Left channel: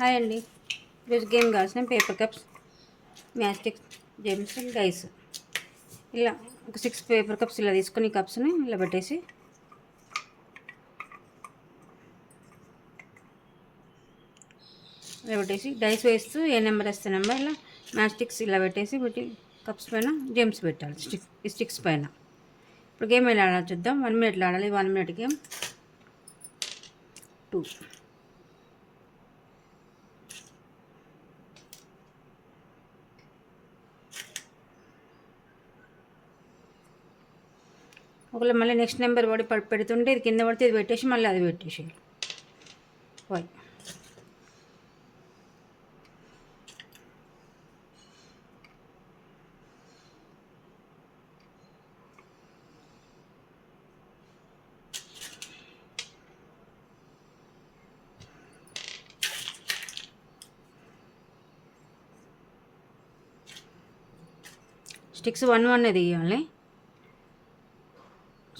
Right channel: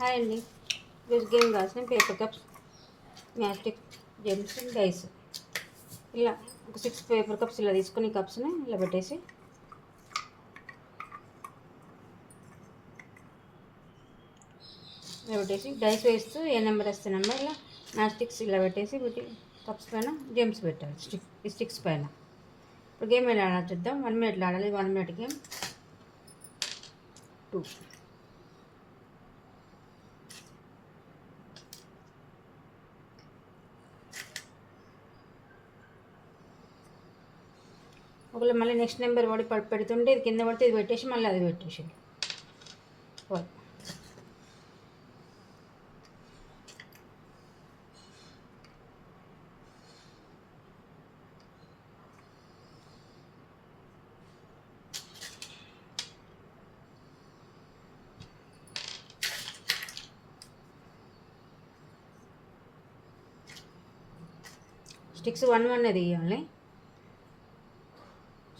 హాయ్ అండి. ఈరోజు గేమ్ కావాల్సిన పేపర్ కప్స్, మ్యాస్టిక్, జెమ్స్, డైస్. ఇలా ఒక 6 పేపర్ కప్స్ ఇలా తీసుకొని కప్స్ని ఇలా పెట్టేసి డైస్ వేస్తూ ఏ నెంబర్ వేస్తే నెంబర్ ఇలా మ్యాస్టిక్స్ ఇలా పెట్టి కప్స్ పైన జెమ్స్ పెట్టాలి ఈ స్టిక్స్ పైన. ఇప్పుడు గేమ్ ఎలా ఆడాలి చూద్దాం. 1 మినిట్లో ఆడాలి. 1 మినిట్ గేమ్. 2 ఒకవేళ మళ్ళీ నెక్స్ట్ నెంబర్ పెడుతుంటే ఇది కింద పడితే ఇది పెట్టేసి మళ్ళీ అది పెట్టేసి 5 స్టిక్స్ 1 1 తీయాలి.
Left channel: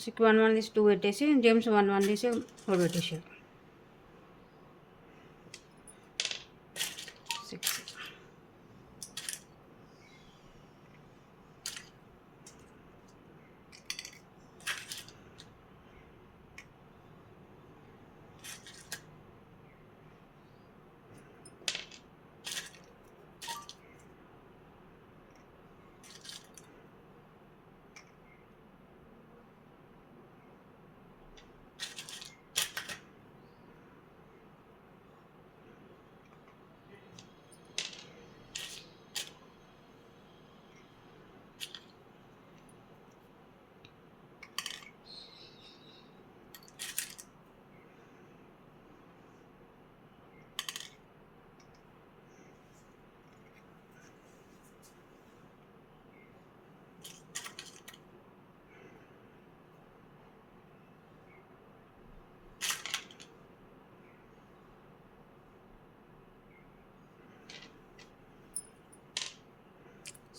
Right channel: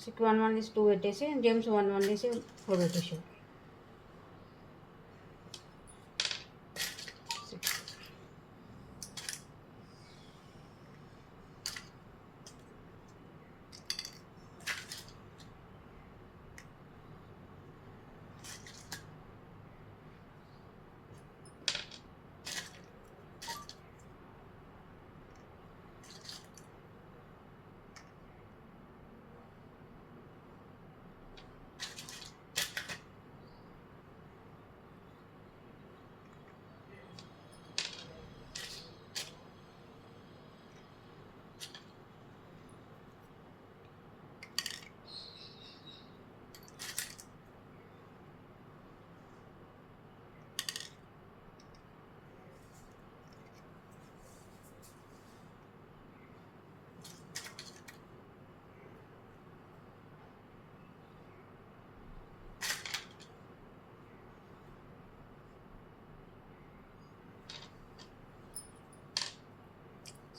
6 1 1 తీసి 2 పెట్టేసి జేమ్స్ 1 1 తీసి 4 పెట్టేసి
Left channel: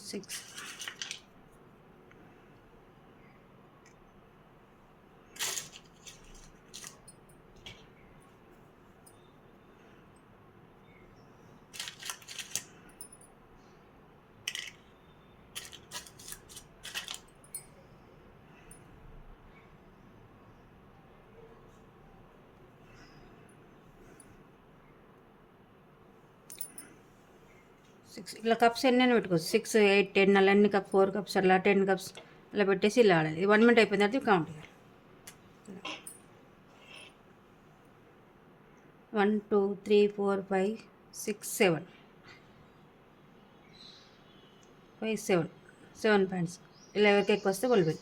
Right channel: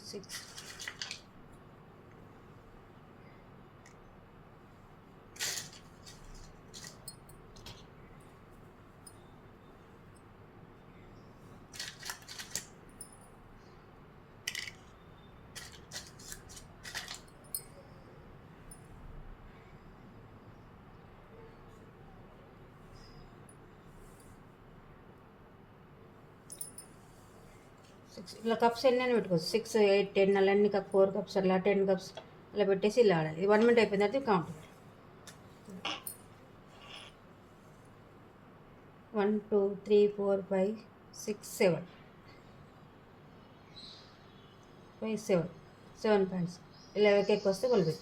6 6 ఇలా కప్స్ ఎన్ని పెట్టుకోవచ్చు. 6 8 10 అలా ఎన్ని కప్ 4 కప్స్ అలా 10 కప్స్ అలా పెట్టేసి ఇలా ఆడాలి. 1 మినిట్ అయిపోయిన తర్వాత కౌంట్ 1 2 3 4 5 6 7 5 7 7 పాయింట్స్ ఇలా ఎవరికి ఎక్కువ వస్తే వాళ్ళు